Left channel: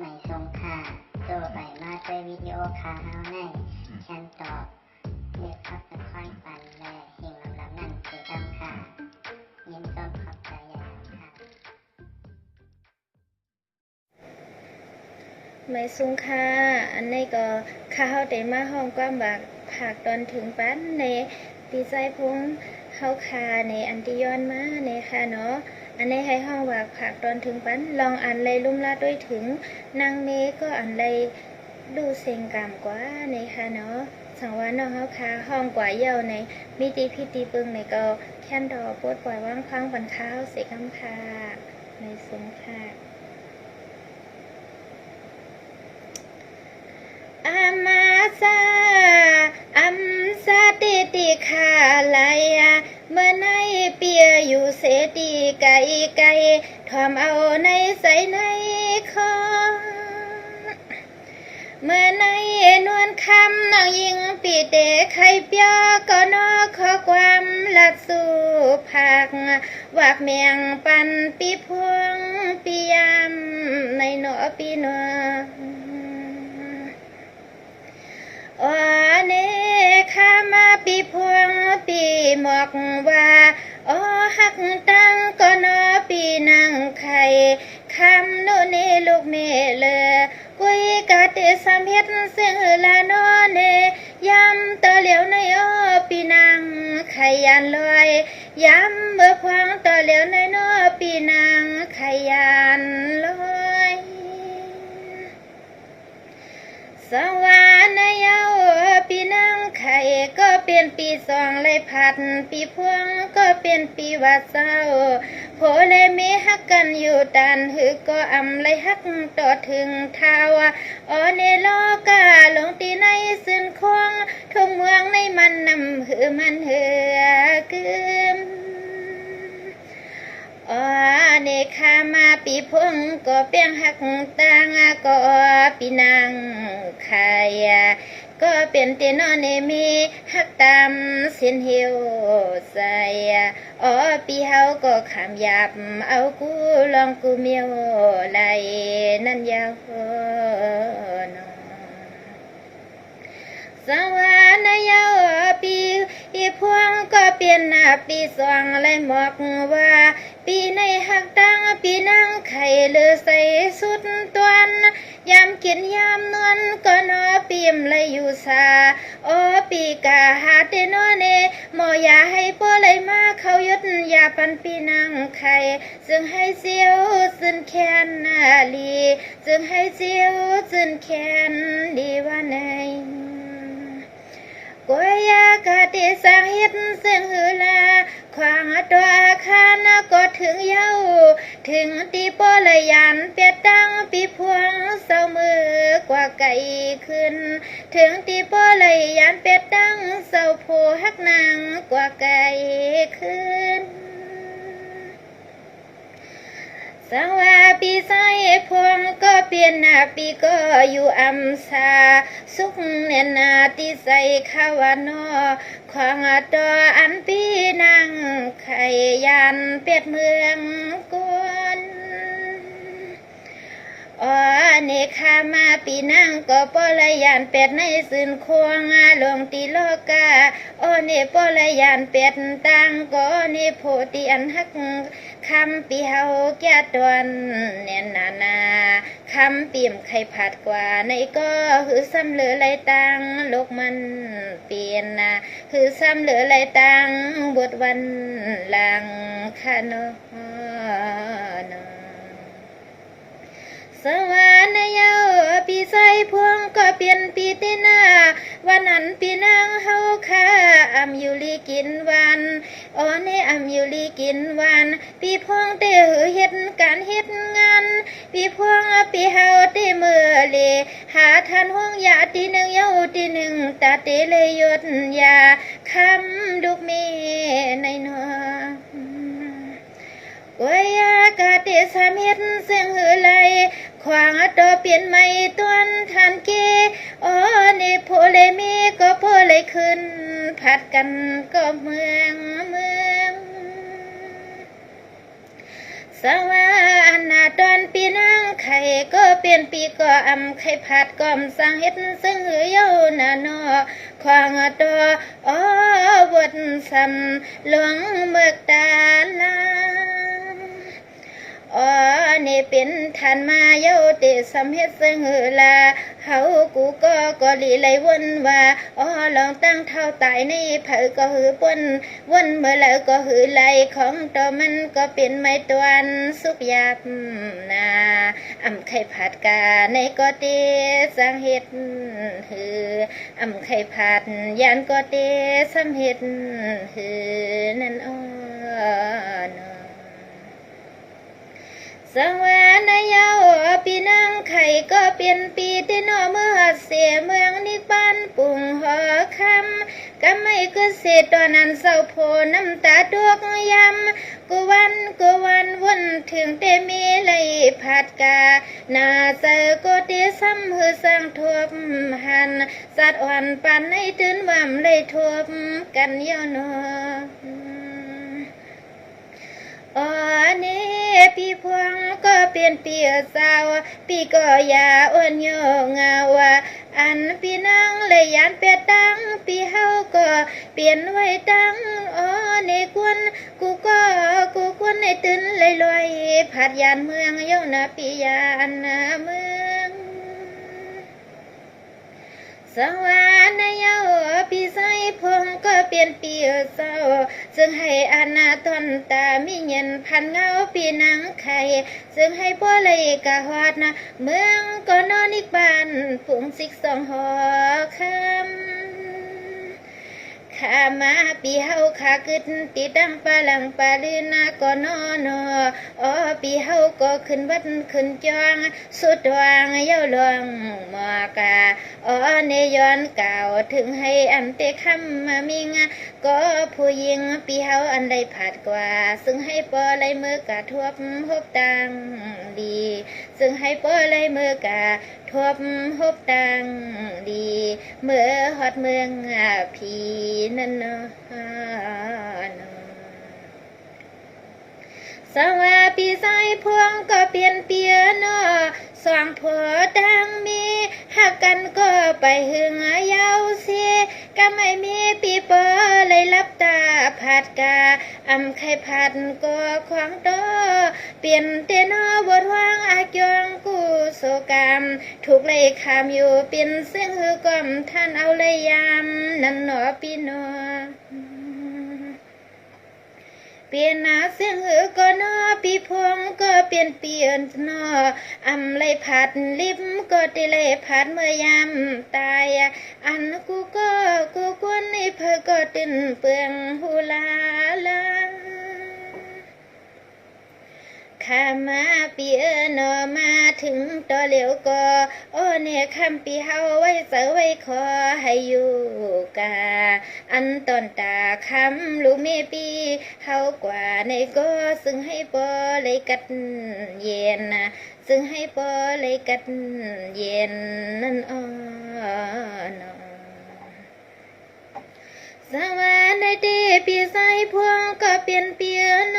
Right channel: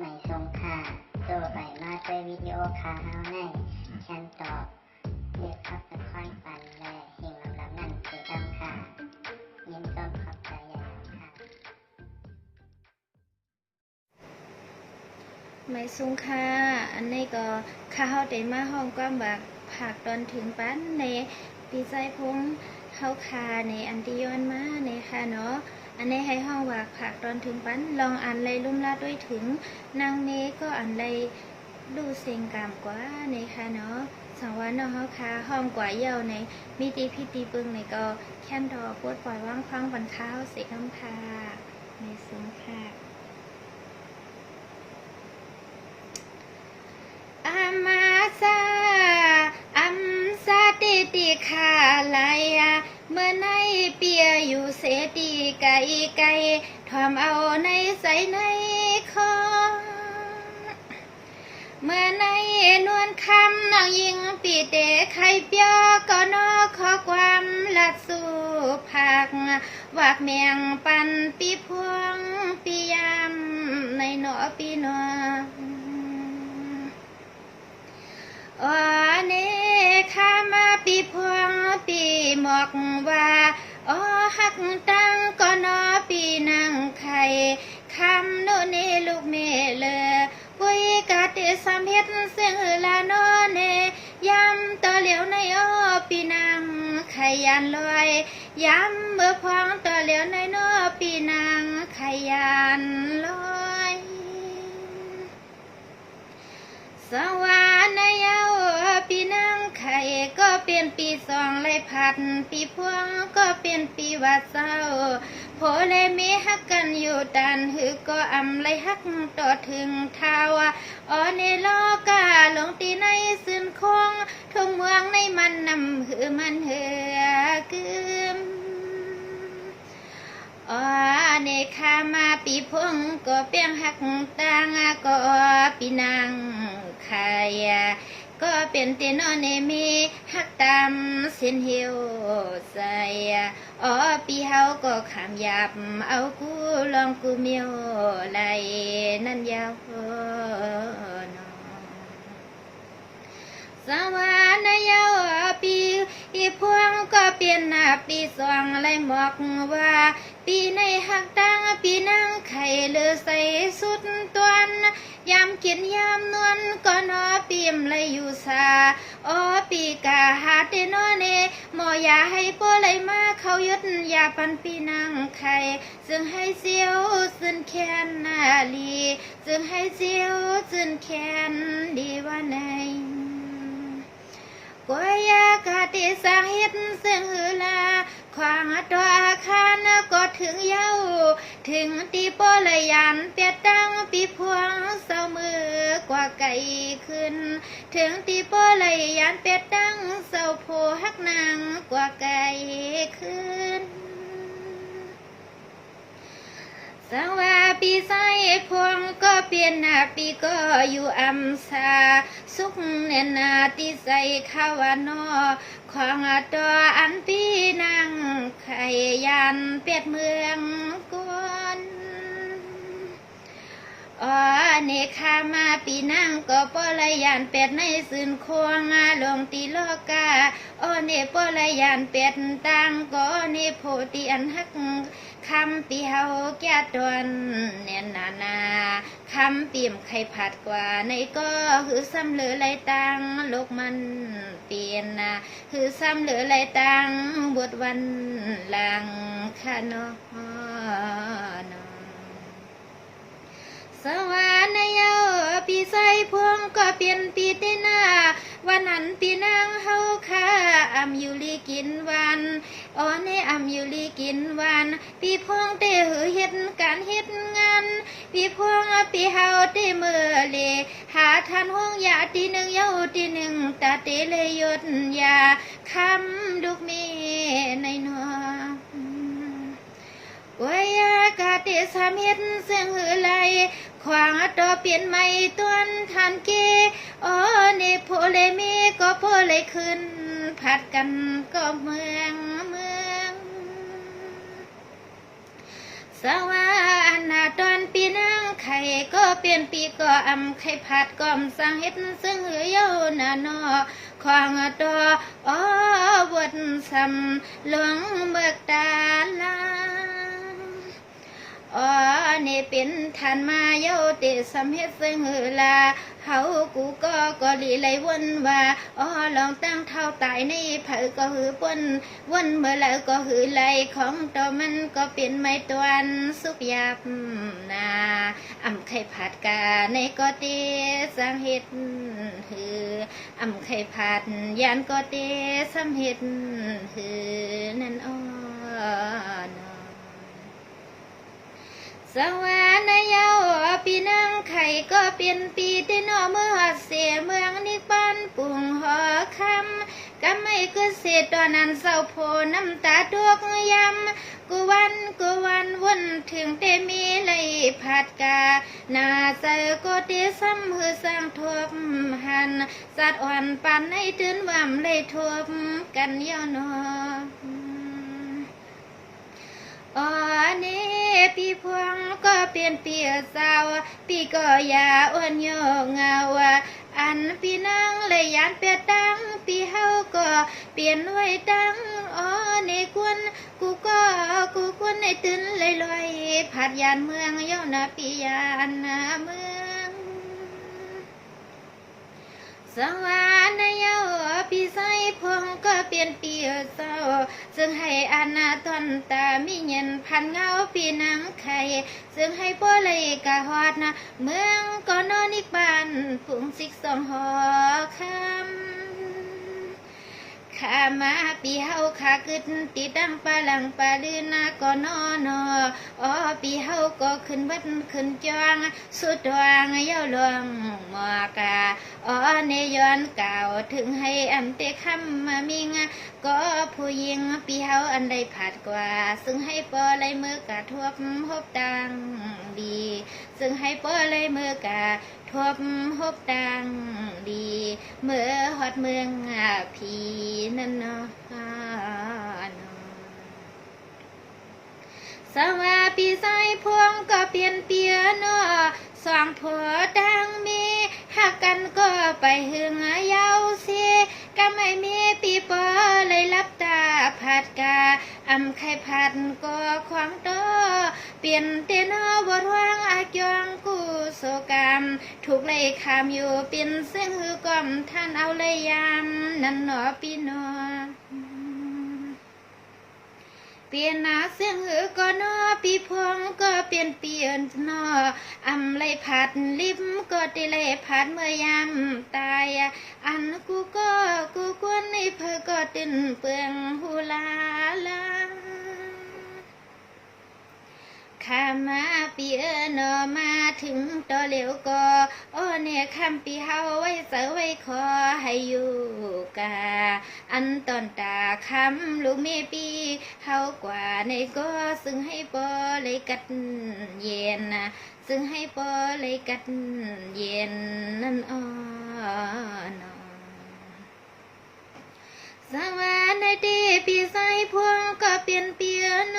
ไม่ทรงค่าตัวใบมาด้วยวิดีโอคาเฮาในฉันตอบเลือกขับเป็นค่อยปันและเฮงลำนั่นคือดำค่ะยินต้นขอบใจอย่างค่ะไม่สูงค่าอันนี้ก็ข้าเฮาได้มาห้องความบักผักตอนถึงปั้นในปีใจพงเฮาคาในอันที่ย้อนมาในค่ะเนาะอันนี้ให้ห้องว่าผักตอนถึงปั้นลองอ่านเลยลุ่มลาด้วยถึงนางเมก็อ่านเลยดูเสียงกามกว่าในค่ะเนาะสังวาน้องเฮาคาห้องกว่าเย่าในมีตีพิตีปึงในก็แค่นดอปวดปล่อยว่างพังปันข้าวเสกคำพาในสงค่ะอามาซาอัมซาติติคาลายาเมื่อในเปียอยู่เสตีไก่ไก่ทอมเอาในใส่ในคอเมื่อในนวลคำน้องยิงปีเตะไข่เปียก็นอขอความลัดสู่ผักวากเมียงปันปีพวงปียามในหนอปีนอโอ้เนข้ามาปีพวงปีหมอกว่าโอ้หักตั้งก็นอปีนางไข่คำโนเนลูกเมเลวุยกาเตสามเฮ็ดเสียงลานอเนยำตะเหลียวในอ้อปีนางไข่ยันลอยยำเมื่อพวงตะเหลียวในนอปีนางไข่ยันลอยสวรรค์เยาปีนางไข่ก็เป็นปีสองเลยผัดปีพวงก็เป็นปีวัดเศร้าโผเลยมีฮักกันอยู่ตันหือก็อำเลยฮักต่อถึงเท้าอ๋อในโลกาลงตีในสิ้นคงทุ่งเมืองในมันนำหือมันเหือกึมอ๋อในข้ามาปีพงก็เปียงหักต่างก็ปีนางไข่ก็เป็นตีนอนในมีหักตามสินเหี่ยวใส่อ๋อปีเฮาก็ขามหยาบเอากูลองกูเมียวไหลนั่นยาวนอสวรรค์ยาวปีพวงก็เปลี่ยนหน้าปีสองเลยหมอกว่าปีในหักตังปีนั่งไข่เลือใส่สุดตวนยามกินยามนวลก็นอปีมเลยอยู่ซาโอปีกาหาเตนอเนหมอยาให้โปเลยมาเขายึดยาปันปีนั่งไข่ซึ่งให้เสียวซึ่งแค้นนาลีซึ่งให้เสียวซึ่งแค้นดีว่าไหนกวยากาติสังหิตเส้นหือลาขวางตัวอาคารก็ถึงเย้าถึงตีโปเลยยันเปียตั้งปีพวงเศร้ามือกว่าไก่ขึ้นถึงตีโปเลยยันเปียตั้งเศร้าโพหักนางกว่าไก่ขึ้นสังว่าปีใส่พวงก็เปลี่ยนหน้าปีก็อยู่อำซาสุขเนียนนาที่ใส่ข้าวานอของตัวอันปีนางไข่ยันเป็ดเมืองกวนอ๋อเนคามาปีนั่งก็ปละยานเป็ดในสื่นควงลงตีโลกาอ๋อเนปละยานเป็ดตังก็เนโพติอันหักคำปีเฮาแก่ตวนเนียนนาคำปีมไข่ผัดกว่าในก็คือซ้ำเหลือไรตังโลกมันเปลี่ยนคือซ้ำเหลือไรตังบทวันหลังคานอนสวรรค์เยาปีใส่พวงก็เปลี่ยนปีเตนาวันนั้นปีนางเฮาค่าอำอยู่ลีกินวันอ๋อในอำอยู่ลีกินวันปีพวงเตหือเฮ็ดการเฮ็ดงานปีพวงปีเฮาเตมือเลหาทันห้องยาตีหนึ่งเยาตีหนึ่งตาเตเลยยดยาคำดุกเมในนอโอ้ยากาเตสามเฮ็ดเสียงหือไหลขวางต่อเปลี่ยนไม่ต้นทันกีอ๋อเนโพเลมีก็โพเลยขึ้นผัดกันก็เมืองสวรรค์ตอนปีนางไข ข่ก็เปลี่ยนปีก็อำไข่ผัดก็มสร้างเฮ็ดซึ่งหือเย้าหน้านอควางตัวอ้อวดซ้ำหลวงเบิกตาลาอ๋อนี่เป็นทานมาเย้าเตะสำเฮ็ดซึ่งหือลาเฮากูก็ลีไหลวนว่าอ๋อลองตั้งเท่าตายในเผอก็หือป่นวนเมื่อแล้วก็หือไหลของตัวมันก็เป็นไม้ตวนสุกยับนาอำไข่ผัดกาในก็เตสังเฮ็ดหืออำไข่ผัดยานก็เตสำเฮ็ดหือนั่นอ้อนอสวรรค์ยาวปีนังไข่ก็เปลี่ยนปีที่นอเมื่อเสียเมืองนิปานปุ่งหอคำก็ไม่คือเศษตอนนั้นเศร้าโพน้ำตาดวกยำกูวันวนถึงเตมีเลยผัดกาหน้าเจอก็เตซ้ำหือสร้างทบหันสัตว์อ่อนปันให้ตื่นว่ำเลยทบกันย้อนออ๋อนี่พี่พวงก็เปลี่ยนเปียสาวพี่ก็อย่าอ้วนโยงาวอันพี่นั่งเลยยานเปียตั้งพี่เฮาก็เปลี่ยนไว้ตั้งอ๋อนี่กูกวนให้ตื่นเลยลอยผัดยานเมืองเย้านาพี่ยานนาเมืองสวรรค์ยาวพี่ใส่พงก็เปลี่ยนปีเศร้าซึ่งให้อาณาตนตามีเงินพันเงาพี่นางไข่ซึ่งให้พ่อเลยกะฮอดนะเมืองก็นอนอีกบ้านผงสิกสองหอคำข้ามาปีเฮาข้ากึดตีดังปลาหลังปลาลือนาก็นอนอ๋อปีเฮาก็ขึ้นวัดขึ้นจองสุดวางเย้าหลวงหมอกาอ๋อเนย้อนเก่าถึงให้อันเตคำมามิงก็ผู้หญิงปีเฮาอันใดผัดกว่าซึ่งให้ปอไหลมือกะทวบพบตังดีซึ่งให้ปอไหลมือกะทวบพบตังดีเมื่อฮอดเมืองพีนั่นเนาะสวัสดีใส่พวงก็เปลี่ยนเปียเนาะสองผัวดังมีหักกันก็ไปหึงยาวเสียก็ไม่มีปีปอเลยรับตาผัดกาอำไข่ผัดก็ควางโตเปลี่ยนเตนอบทวางอาจยองกูโศกรรมถูกเลยคำอยู่เป็นเส้นหือกอมท่านเอาเลยยามนั่นหนอพี่นอเปลี่ยนหน้าเสียงหือก็นอปีพวงก็เปลี่ยนนออำเลยผัดลิบก็ติเลยผัดเมื่อยามตายอันกูกวนในเพอก็ตื่นเปลืองหูลาลาข้ามาปีนอมาถึงตัวเหลียวก็โอ้เนี่ยคำปีเฮาไว้เสไว้ขอให้อยู่กาอันตอนตาคำลูกเมปีเฮากว่าในก็ซึ่งให้ปอเลยกัดเย็นนะซึ่งให้ปอเลยกัดเย็นนั่นอ้อนสวัสดีปีใส่พวงก็เปลี่ยนเปียโน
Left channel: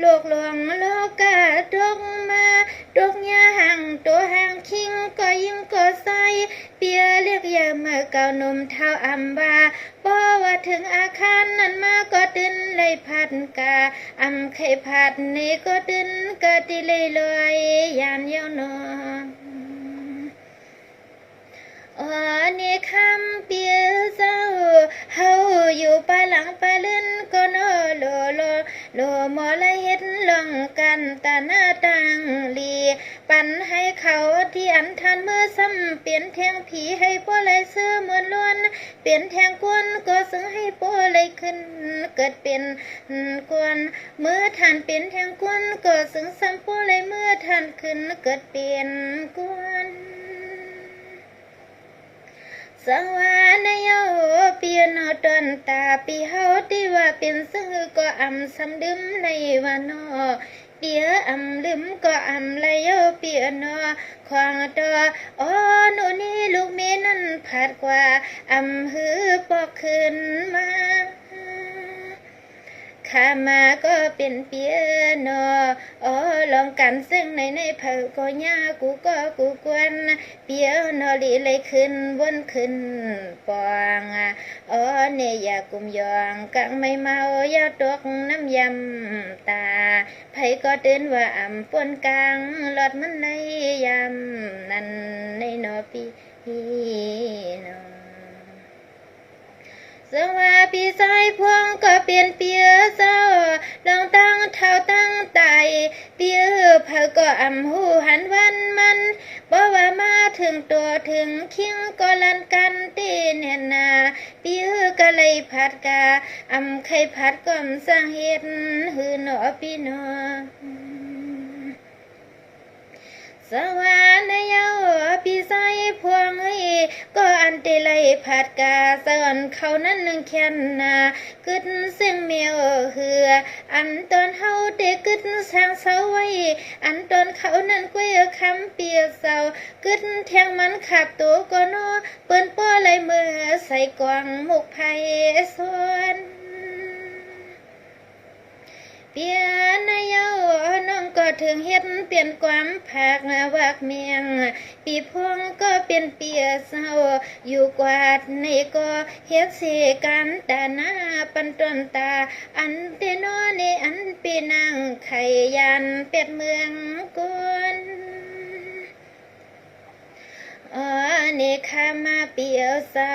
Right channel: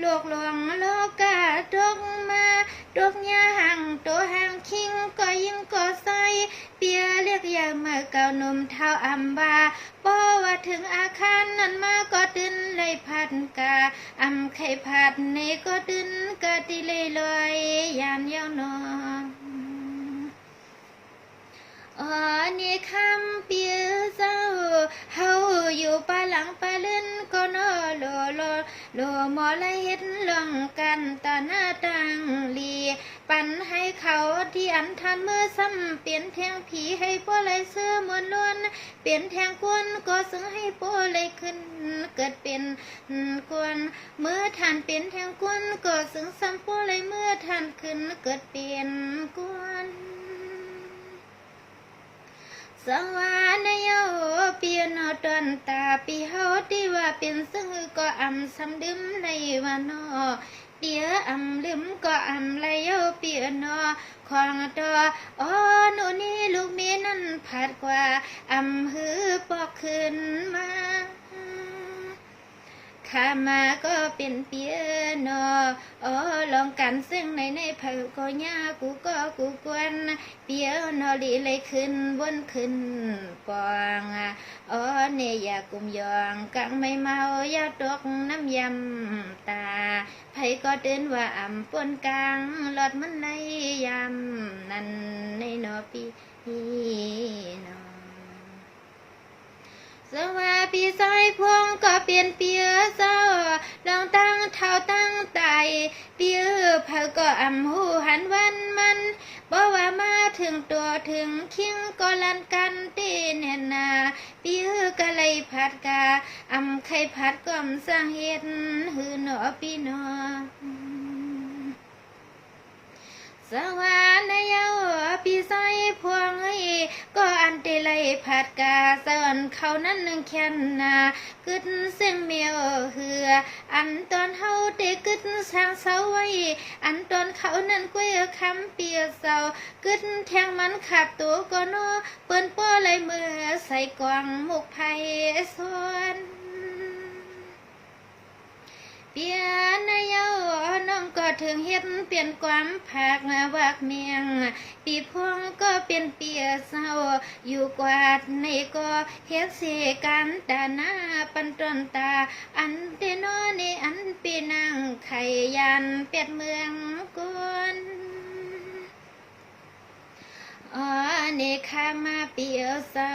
โลกหลวงโลกาดกมาดกยาห่างตัวห่างคิงก็ยิ่งก็ใส่เปียเรียกยาเมื่อเก่าหนุ่มเท้าอัมบาพอว่าถึงอาคารนั้นมาก็ตื่นเลยพัดกาอำไข่ผัดนี่ก็ตื่นกะติเลยลอยยานยาวนอนอ๋อนี่คำเปียเศร้าเฮาอยู่ปะหลังปะลื่นก็นอโลหมอละเฮ็ดลองกันตาหน้าตังลีปันให้เขาที่อันทันมือซ้ำเปลี่ยนแทงผีให้ป้อเลยเสื้อมวนล้วนเปลี่ยนแทงกวนก็ซึ่งให้ป้อเลยขึ้นเกิดเป็นกวนเมื่อท่านเป็นแทงกวนก็ซึ่งซ้ำป้อเลยเมื่อท่านขึ้นเกิดเป็นกวนสวรรค์โยเปียนอตอนตาปีเฮาที่ว่าเป็นซึ่งก็อำสำดึมเลยว่านอเปียอำลืมก็อำเลยโยเปียนอควางตัวอ๋อหนูนี่ลูกเมียนั่นผัดกว่าอำหือปอกขึ้นมาค ข้ามาก็เป็นเปียโนลองกันซึ่งในเผอก็ยากูก็กูกวนเปียโนลีเลยขึ้นวนขึ้นปองเนี่ยอยากกุมยองกังไม่เมายาตกน้ำยำตาไผก็ตื่นว่าอ่ำปวนกลางหลอดมันในยำนั่นในนอปีนอสว่าปีสายพวงก็เปลี่ยนเปียเศร้าลองตั้งเท้าตั้งไตเปียเผาก็อ่ำหูหันวันมันบอกว่ามาถึงตัวถึงคิงก็ลันกันตีเนนาเปียก็เลยผัดกาอ่ำไข่ผัดก็มสร้างเฮ็ดหือหนอพี่นอสวรรค์ยาวปีไซพวงก็อันเตเลยผัดกาสอนเขานั้นนึงแค่นนากึดเสียงเมียวเหืออันตอนเฮาเตกึดสางเสาไว้อันตอนเขานั้นกุ้ยคำเปียกเสากึดแทงมันขับตัวก็นอเปิ้นป้อเลยมือใส่กวางมุกไผ่สวนเปียนายาน้องก็ถึงเฮ็ดเปลี่ยนความผักวักเมียงปีพวงก็เป็นเปียเศร้าอยู่กวาดในก็เฮ็ดเสกันตาหน้าปันต้นตาอันเตนอในอันปีนางไข่ยันเป็ดเมืองกุนนี่ข้ามาเปียวเสา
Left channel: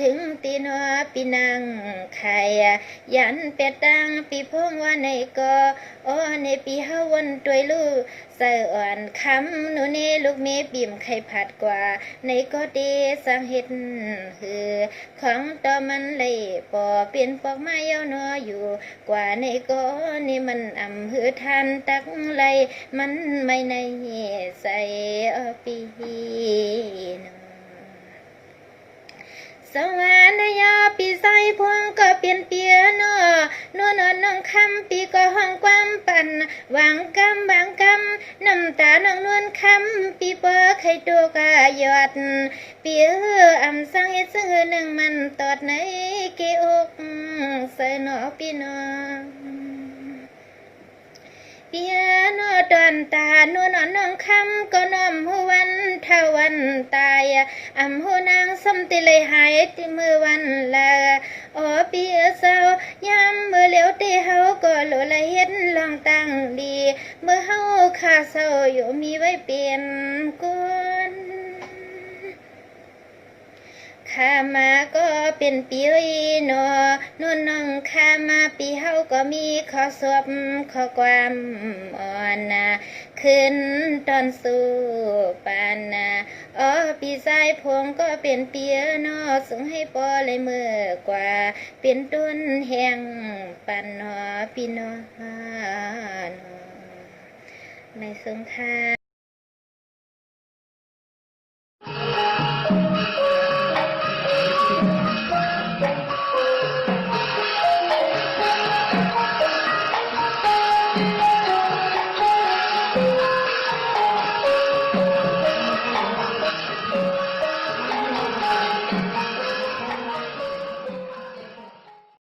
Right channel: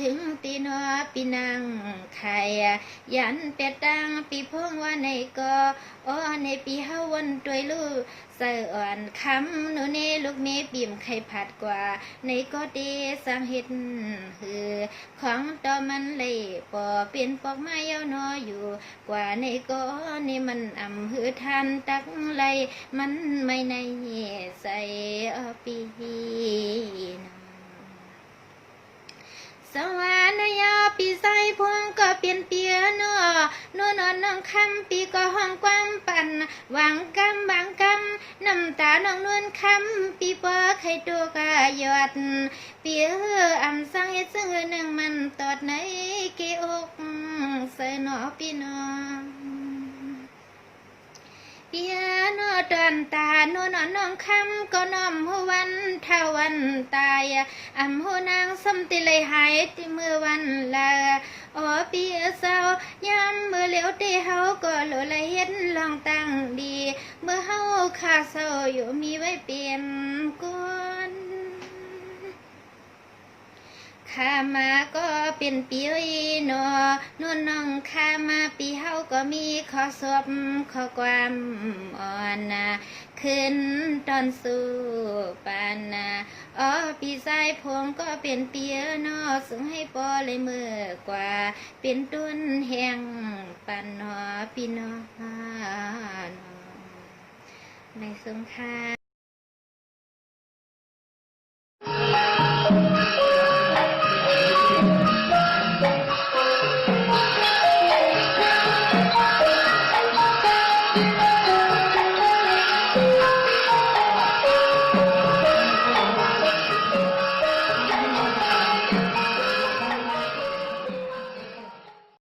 ถึงตีนอปีนังไข่ยันเป็ดดังปีพงว่าในก็ในปีเฮาวันตวยลูกใส่อ่อนคำหนูนี่ลูกเมีบิ่มไข่ผัดกว่าในก็ดีสังเฮ็ดหือของต่อมันเลยปอเปลี่ยนปอกไม้ยาวนออยู่กว่าในก็นี่มันอ่ำหือทันตักไหลมันไม่ในใส่ปีสวรรค์ยาปีไซพวงก็เปลี่ยนเปียโนน้องคำปีก็ห้องความปั่นวางกำบางกำน้ำตาน้องนวลคำปีปอไข่ตัวกายอดเปียอ่ำสังเฮ็ดซื้อหนึ่งมันตอดในเกอกใส่หนอปีนอเปียโนตอนตาโนน้องคำก็น้อมหัววันเท่าวันตายอ่ำหัวนางสมติเลยหายที่มือวันละเปียเศร้ายามเมื่อเหลียวตีเฮาก็หลุละเฮ็ดลองตั้งดีเมื่อเฮาข้าเศร้าอยู่มีไว้เปลี่ยนกุนข้ามาก็เป็นปีนน้องข้ามาปีเฮาก็มีข้อสอบข้อความอ่อนขึ้นตอนสู้ปานปีสายพงก็เป็นเปียนส่งให้ปอเลยเมื่อกว่าเป็นต้นแห่งปันพี่นในสงคราม